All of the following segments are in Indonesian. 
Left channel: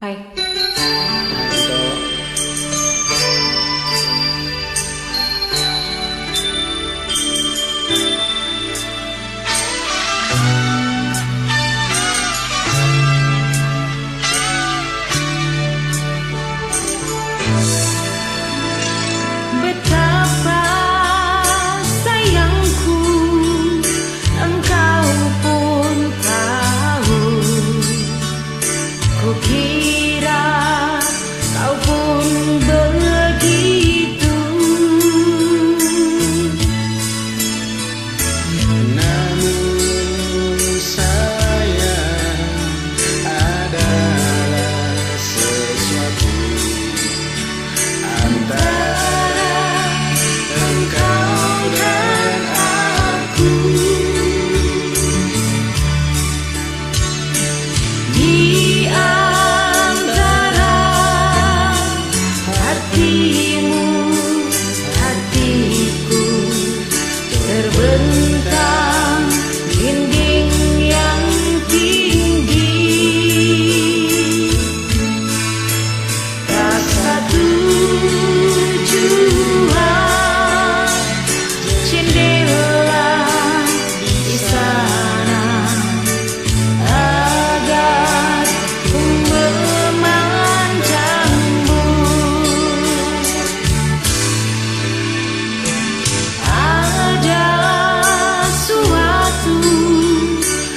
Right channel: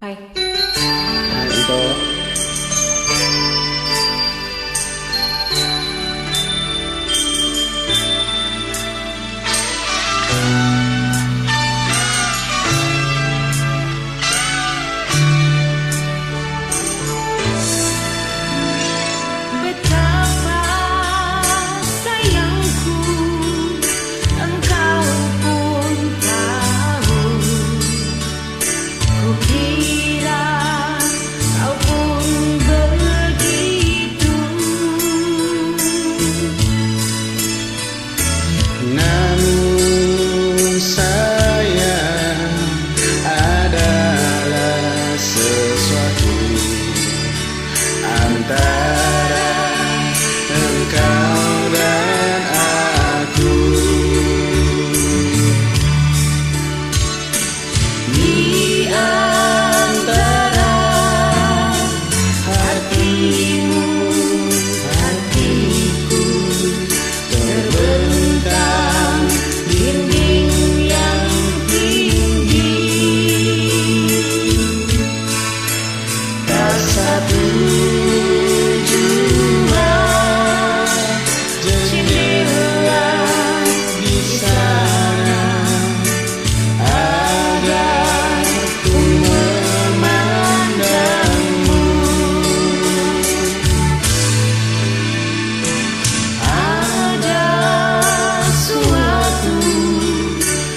Hai. Nah, itu Betapa sayangku, engkau pun tahu. Kukira kau pun begitu. namun sayang adalah sesuatu antara engkau dan aku. Di antara hatimu, hatiku, terbentang dinding yang tinggi. Tak satu jua jendela di sana agar ku memandangmu. Ada suatu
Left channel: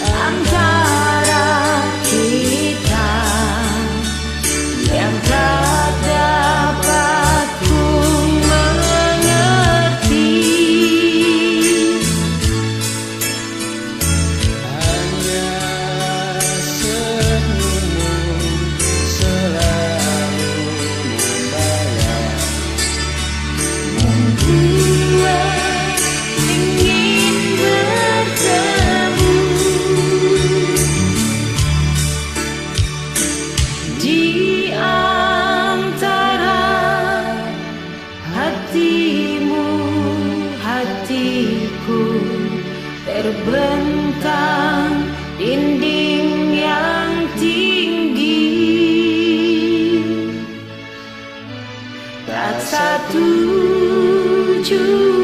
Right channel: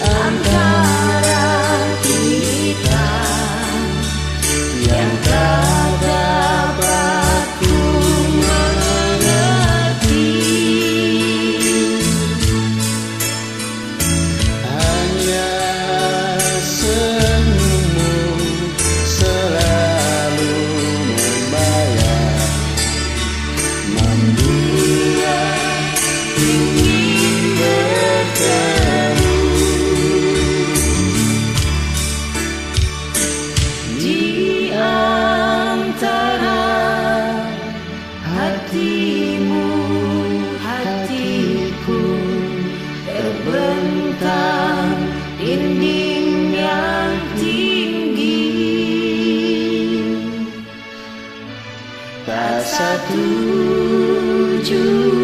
antara kita yang tak dapat ku mengerti. Hanya senyummu selalu membayang, Membuat ingin bertemu. Di antara hatimu, hatiku, terbentang dinding yang tinggi. Tak satu jua